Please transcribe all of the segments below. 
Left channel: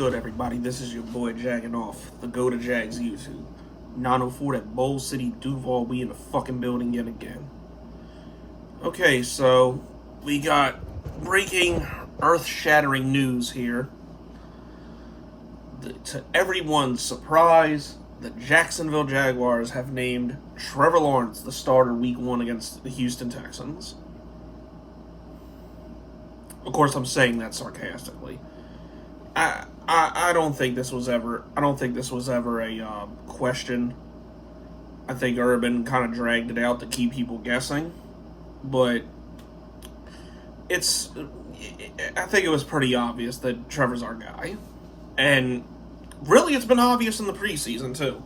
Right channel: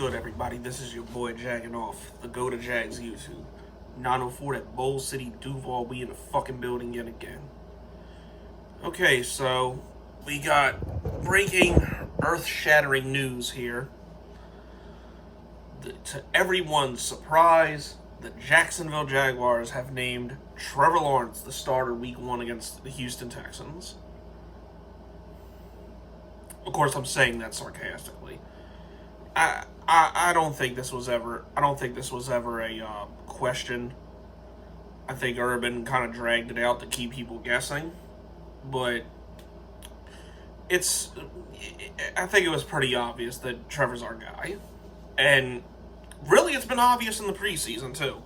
good, everybody? This is your boy Jagging Off, the Go to Jags YouTube. 904 at Bowl City, Duval. We in the fucking building yet again. Okay, so we got breaking, earth-shattering news here. To everyone's surprise, the Jacksonville Jaguars have named Trevor Lawerence the starter week 1 against the Houston Texans. Of course, I'm saying that sarcastically. I don't think this was ever a question. I think Urban kind of dragged it out to keep people guessing, but I think it was pretty obvious that Trevor's our guy, and really it's been obvious in the preseason too.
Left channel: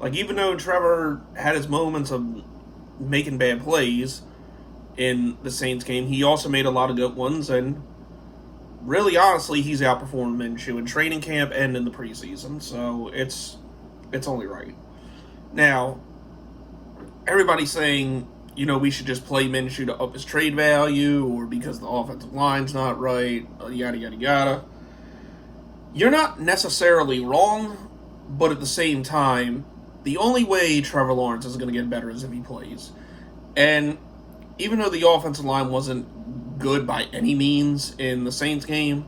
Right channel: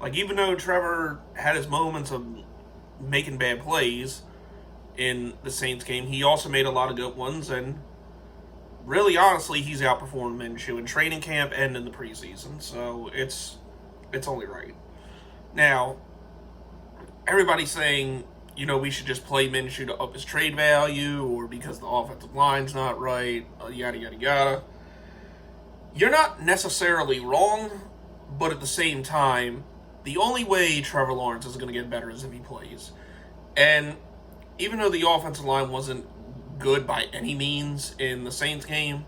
Like, even though Trevor had his moments of making bad plays in the Saints game, he also made a lot of good ones, and really, honestly, he's outperformed Minshew in training camp and in the preseason, so it's only right. Now, everybody's saying, we should just play Minshew to up his trade value, or because the offensive line's not right, yada, yada, yada. You're not necessarily wrong, but at the same time, the only way Trevor Lawerence is going to get better is if he plays. And even though the offensive line wasn't good by any means in the Saints game,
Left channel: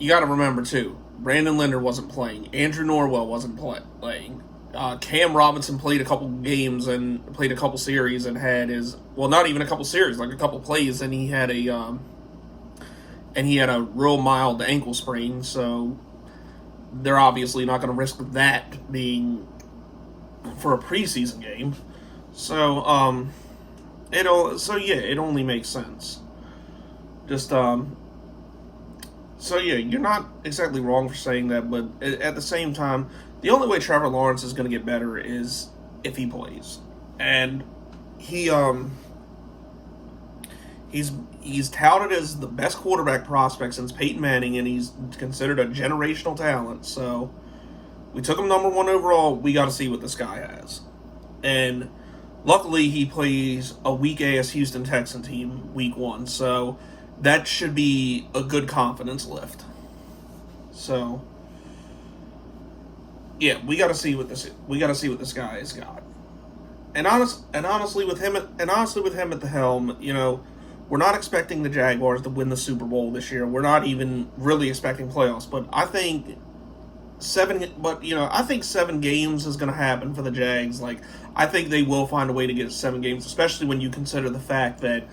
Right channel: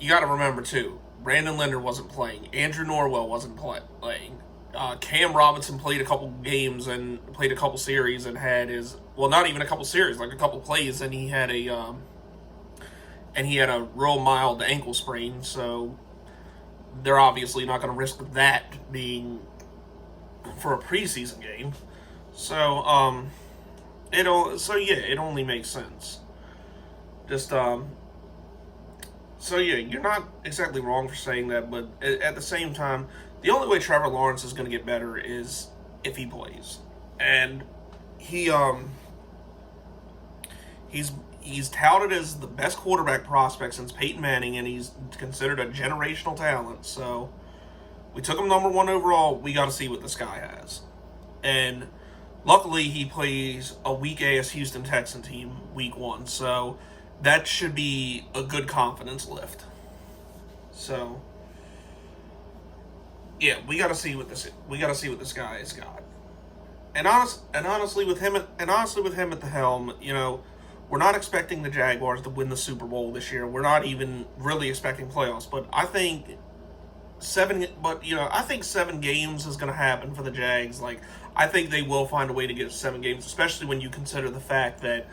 you got to remember too, Brandon Linder wasn't playing, Andrew Norwell wasn't playing, Cam Robinson played a couple games and played a couple series and had not even a couple series, like a couple plays, and he had a real mild ankle sprain, so they're obviously not going to risk that being for a preseason game. So it only makes sense. You're not exactly wrong for saying that, but at the same time, the only way Trevor Lawerence is going to get better is if he plays. And he's touted as the best quarterback prospect since Peyton Manning, and he's considered a generational talent. So we took him number 1 overall. We got to see what this guy has. And luckily, he plays a weak-ass Houston Texan team week 1, so that should be a good confidence lift. So, yeah, we got to see what this guy has got. And honestly, with him at the helm, we're not expecting the Jaguars to win the Super Bowl this year. We're not even really expecting playoffs, but I think 7 games is going to happen for the Jags. Like, I think they will find a way to get 7 games, especially when you consider the fact that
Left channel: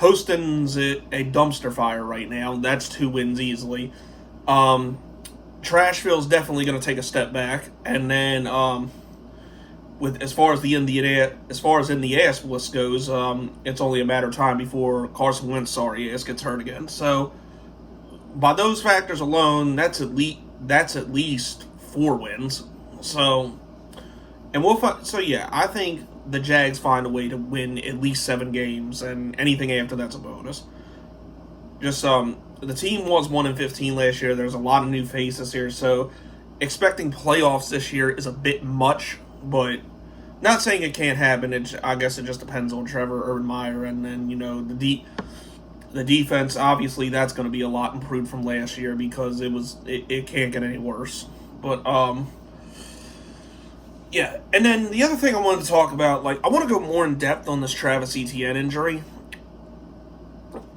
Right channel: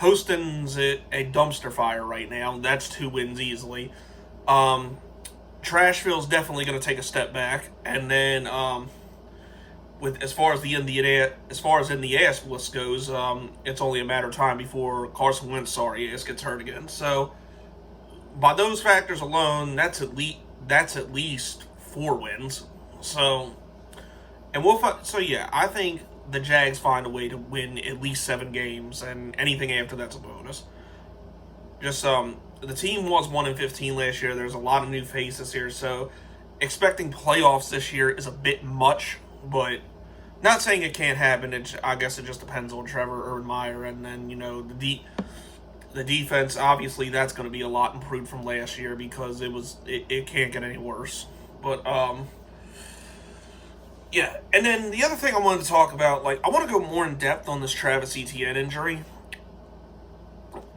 Houston's a dumpster fire right now. That's 2 wins easily. Trashville's definitely going to take a step back, and then as far as in the ass list goes, it's only a matter of time before Carson Wentz gets hurt again. So by those factors alone, that's at least 4 wins. So, I think the Jags find a way to win at least 7 games, and anything after that's a bonus. The team was 1-15 last year. There's a lot of new faces here, so expecting playoffs this year is a bit much, but not saying it can't happen. I guess it just depends on Trevor, Urban Meyer, and then, the defense. Obviously, that's going to be a lot improved from last year because it can't get any worse. But, yeah, and then the other thing I wanted to talk about, I want to go more in depth on this Travis Etienne injury.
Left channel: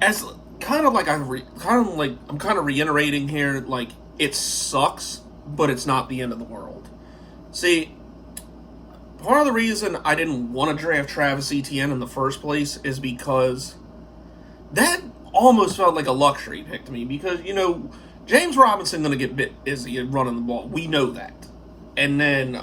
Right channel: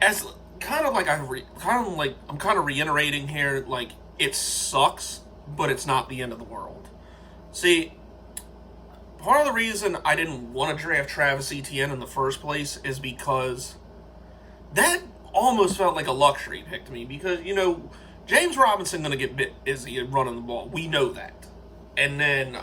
As I'm kind of reiterating here, it sucks, but it's not the end of the world. See, part of the reason I didn't want to draft Travis Etienne in the first place is because that almost felt like a luxury pick to me, because, James Robinson going to get bit busy running the ball. We know that. And then,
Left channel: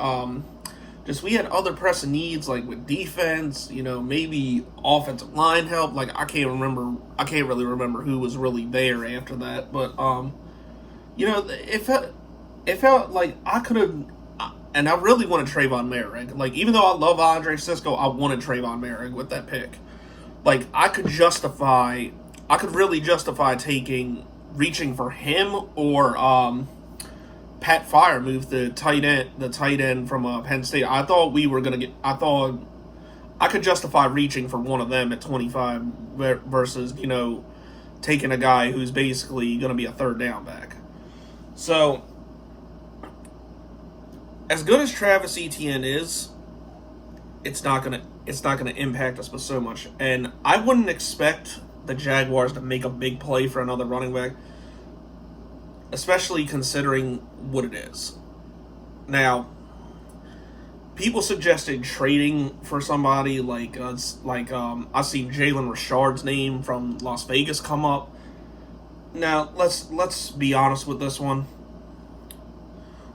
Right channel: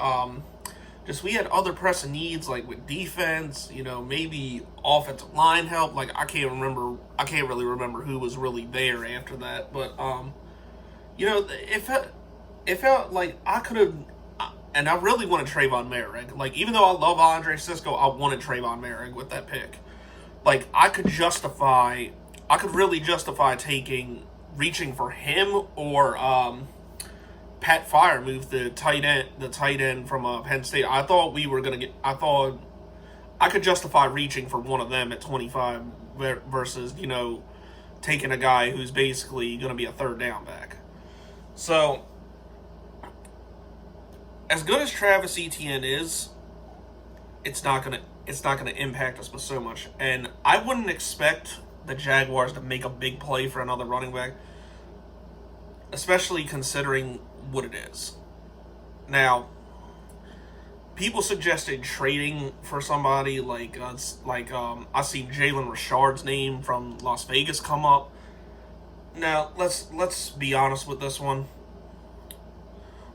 we had other pressing needs, with defense, maybe offensive line help. I can't really remember who was really there after that. But, it felt like I could have, and I really wanted Trayvon Merrick. Even though I love Andre Sisco, I wanted Trayvon Merrick with that pick. I could really justify reaching for him or, Pat Freiermuth, the tight end from Penn State. I thought I could justify reaching for one of them at 25 versus, taking a guy who's basically going to be a third down back. So, as good as Travis Etienne is, it's not gonna impact us with so much. And I wouldn't expect the Jaguars to make a big play for another running back, especially considering what it is. Now, people suggested trading for somebody like I've seen Jalen Richard's name from Las Vegas come up. Now, let's be honest with this one.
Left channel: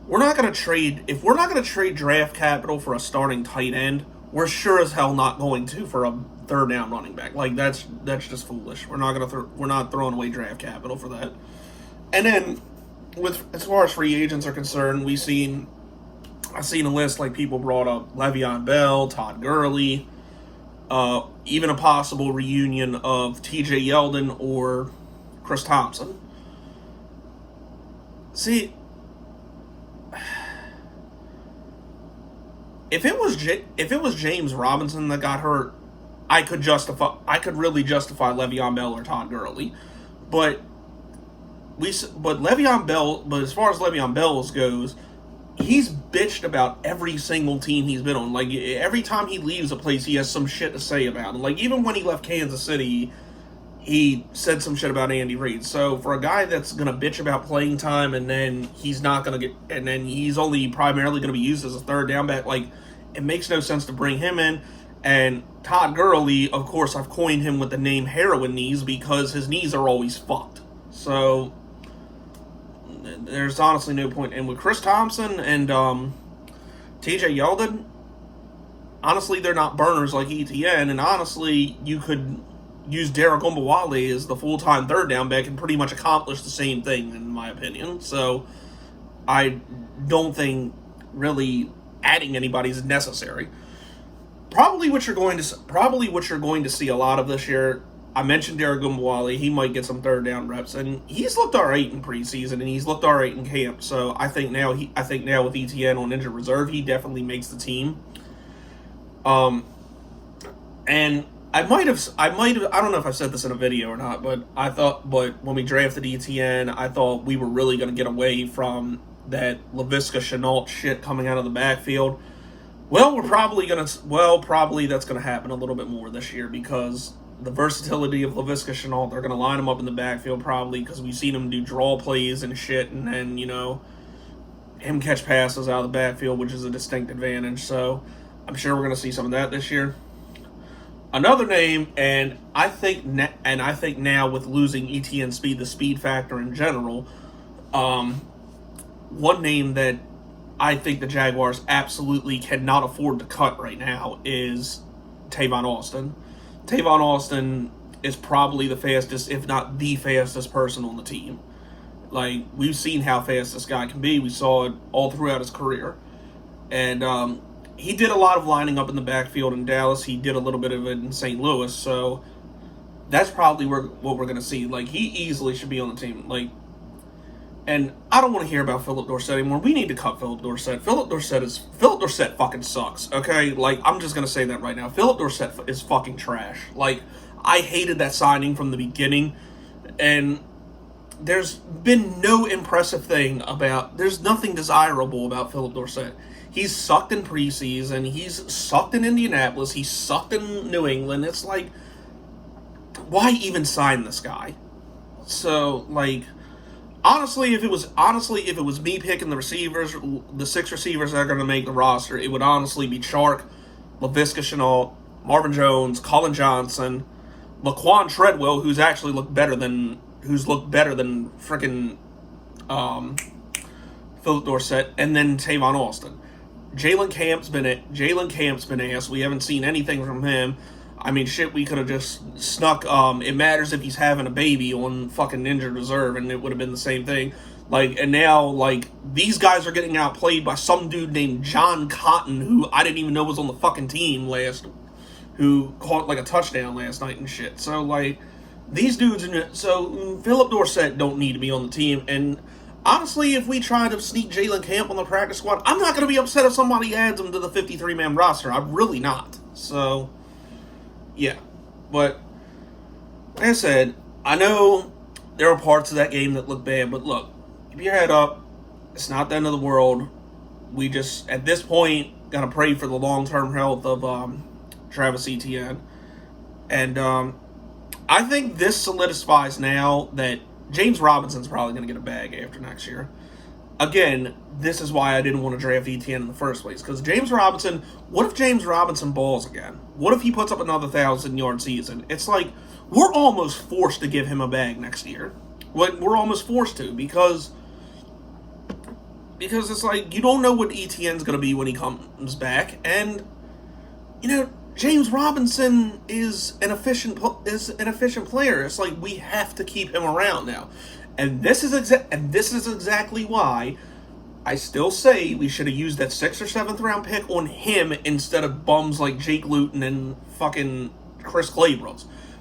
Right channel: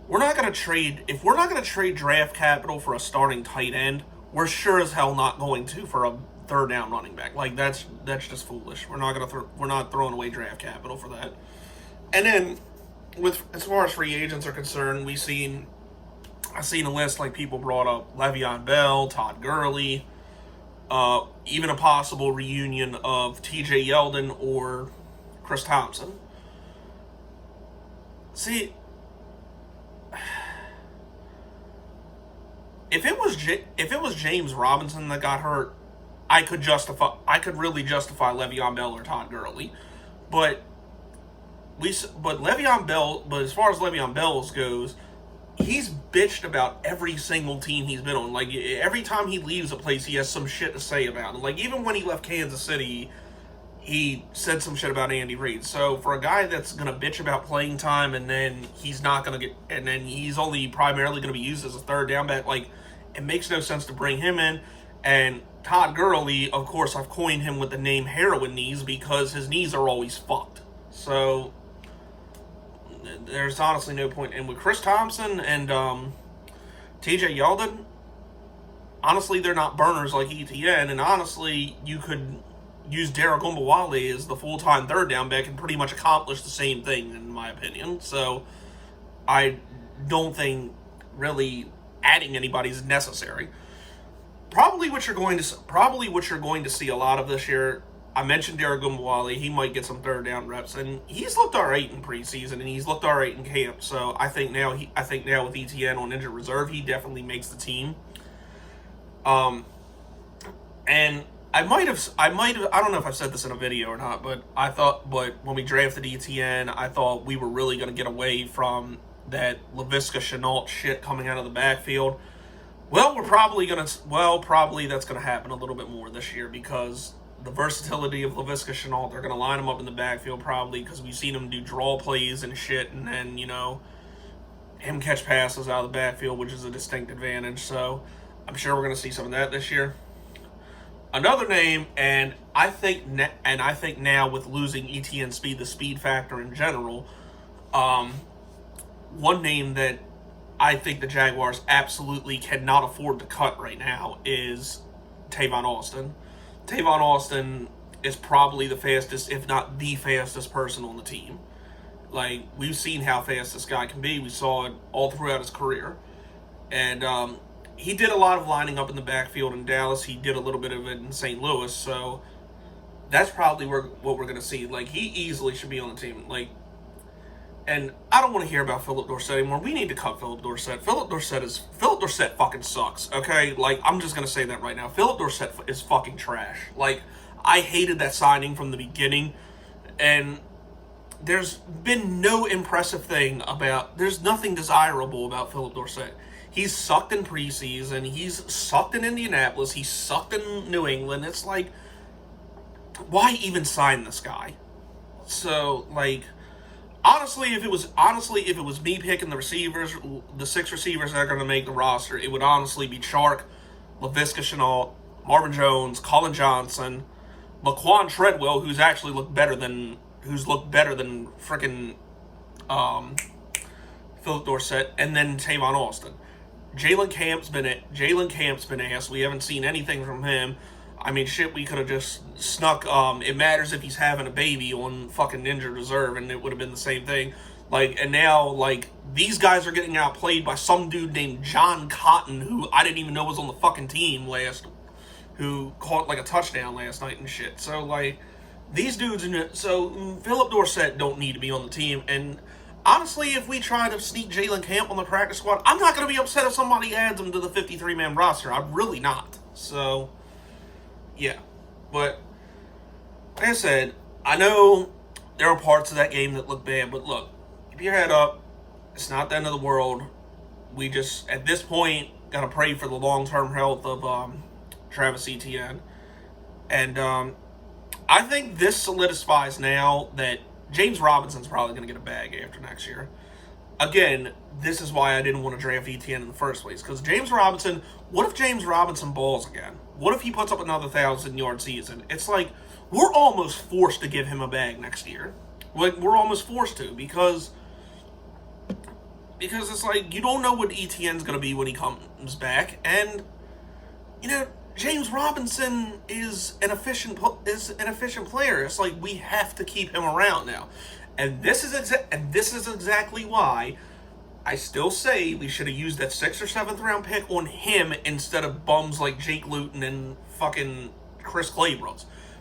We're not going to trade, if we're not going to trade draft capital for a starting tight end, we're sure as hell not going to for a third down running back. Like, that's just foolish. We're not throwing away draft capital for that. And then, as far as free agents are concerned, I've seen a list, like people brought up Le'Veon Bell, Todd Gurley, even a possible reunion of TJ Yeldon or Chris Thompson. See, if it was James Robinson that got hurt, I could really justify Le'Veon Bell or Todd Gurley, but Le'Veon Bell. But as far as Le'Veon Bell goes, he's bitched about every single team he's been on. Like, every time he leaves a place, he has some shit to say about it. Like, even when he left Kansas City, he said some shit about Andy Reid. So for a guy that's gonna bitch about playing time and then he's only primarily gonna be used as a third down back, like, it makes no sense to bring him in. And Todd Gurley, of course, I've coined him with the name heroin knees because his knees are always fucked. So there's honestly no point. And with Chris Thompson and TJ Yeldon, honestly, they're not burners like Etienne. And honestly, you could use Derek Ombawale as the full-time third down back and pretty much accomplish the same thing, in my opinion. So I don't think really adding anybody is necessary. Probably what you're going to see a lot of this year. I mentioned Derek Ombawale. He might get some third down reps, and he's looked all right in preseason, and he's looked all right in camp. So I think now with Etienne on injured reserve, he definitely makes the team. And I don't know if I've said this in a video or not, but when we drafted Etienne, I thought we were really going to get away from that Laviska Shenault shit coming out of the backfield. Well, probably that's going to happen a little bit more this year because the versatility of Laviska Shenault, they're going to line him up in the backfield probably because we've seen him do draw plays and shit, and then, him catch passes out of the backfield, which is a distinct advantage. So I'm sure we're going to see some of that this year. Another name, and I think now with losing Etienne speed, the speed factor in general, one name that I think the Jaguars absolutely cannot afford to cut right now is Tavon Austin. Tavon Austin is probably the fastest, if not the fastest person on the team. Like, we've seen how fast this guy can be. We saw it all throughout his career. And he did a lot of lining up in the backfield in Dallas. He did a little bit of it in St. Louis. So that's probably what we're going to see. Like, he easily should be on the team. Like, and I don't want to hear about Philip Dorsett anymore. We need to cut Philip Dorsett. Philip Dorsett fucking sucks, okay? Like, I'm just going to say that right now. Philip Dorsett is fucking trash. Like, I hated that signing from the beginning, and there's been no impressive thing there's nothing desirable about Philip Dorsett. He's sucked in preseason. He's sucked in Indianapolis. He's sucked in New England. It's like, why even sign this guy? So, like, Honestly, if it was me picking the receivers, the 6 receivers that are going to make the roster, it would honestly be Chark, Laviska Shenault, Marvin Jones, Colin Johnson, Laquan Treadwell, who's looked better than freaking Philip Dorsett, and then Tavon Austin. Jalen Camp's been ass. We haven't seen anything from him. I mean, shit, we could have just snuck, it matters if he's having a baby on fucking injured reserve, and it would have been the same thing. Like, and now, like, these guys are getting outplayed by some dude named John Cotton, who I didn't even know was on the fucking team who caught, like, a touchdown last night and shit. So, like, these dudes, so Philip Dorsett don't need to be on the team, and honestly, if we try to sneak Jalen Camp on the practice squad, I'm not going to be upset if somebody adds him to the 53-man roster. I'm really not. So, yeah, but like I said, I know there are parts of that game that look bad, but look, keep your head up. It's not the end of the world. We just, at this point, gotta pray for the long-term health of Travis Etienne. And I think this solidifies now that James Robinson's probably going to get a bag after next year. Again, this is why I didn't want to draft Etienne in the first place. Because James Robinson, what if James Robinson balls again? What if he puts up another 1,000-yard season? It's like, we're almost forced to give him a bag next year. Like, we're almost forced to, because it's like, you don't know what Etienne's going to be when he comes back. And, you know, James Robinson is an efficient player. It's like, we have to keep him around now. And this is exactly why I still say we should have used that 6th or 7th round pick on him instead of bums like Jake Luton and fucking Chris Claybrook.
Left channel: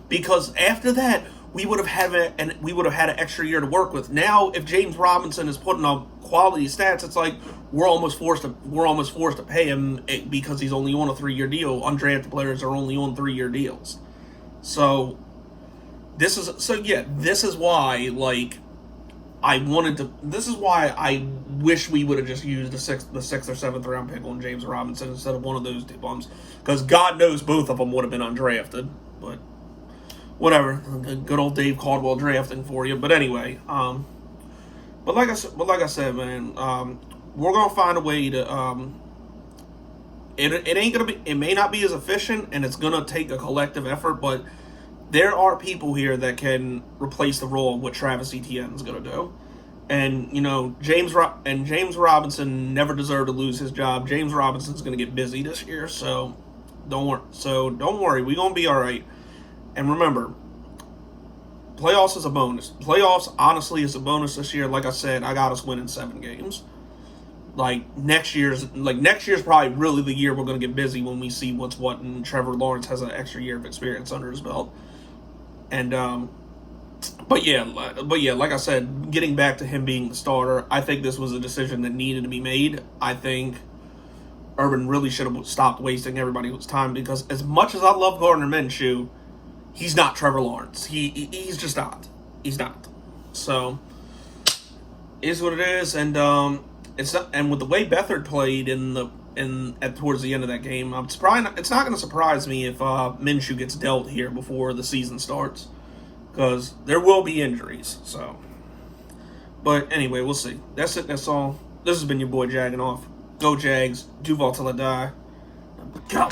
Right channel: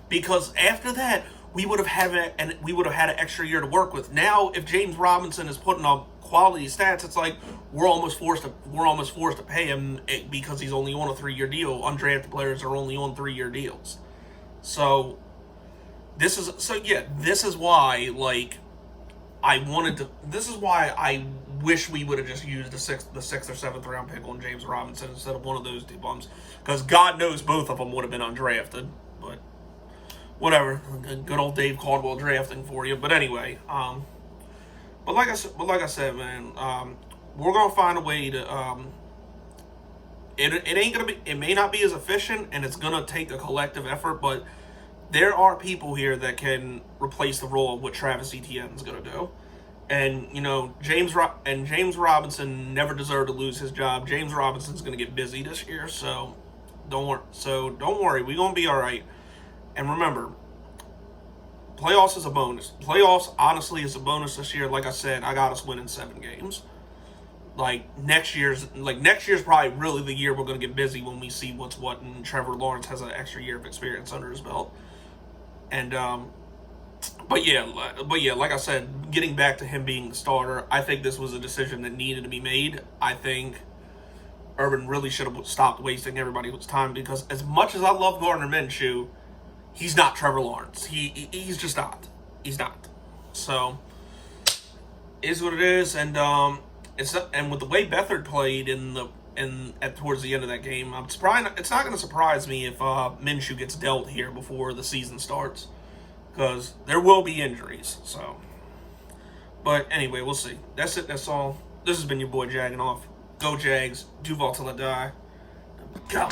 Because after that, we would have had an extra year to work with. Now, if James Robinson is putting up quality stats, it's like we're almost forced to pay him because he's only on a 3-year deal. Undrafted players are only on 3-year deals. So this is why, like, this is why I wish we would have just used the 6th or 7th round pick on James Robinson instead of one of those two bums. Because God knows both of them would have been undrafted. But whatever. Good old Dave Caldwell drafting for you. But anyway, but like I said, man, we're gonna find a way to. It may not be as efficient, and it's gonna take a collective effort, but there are people here that can replace the role of what Travis Etienne is going to do. And, you know, James Robinson never deserved to lose his job. James Robinson's going to get busy this year, so don't worry. We're going to be all right. And remember, playoffs is a bonus. Playoffs, honestly, is a bonus this year. Like I said, I got us winning 7 games. Next year's probably really the year we're going to get busy when we see what's what, and Trevor Lawerence has an extra year of experience under his belt. And, but yeah, like I said, getting back to him being the starter, I think this was a decision that needed to be made. I think Urban really should have stopped wasting everybody's time, because as much as I love Gardner Minshew, he's not Trevor Lawrence. He's just not. He's not. So, is what it is, and it's not. And with the way Beathard played towards the end of that game, it's not going to surprise me if Minshew gets dealt here before the season starts, because there will be injuries. So, but anyway, we'll see. That's it. That's all. This has been your boy Jagging Off. Go Jags. Duval till I die. Go.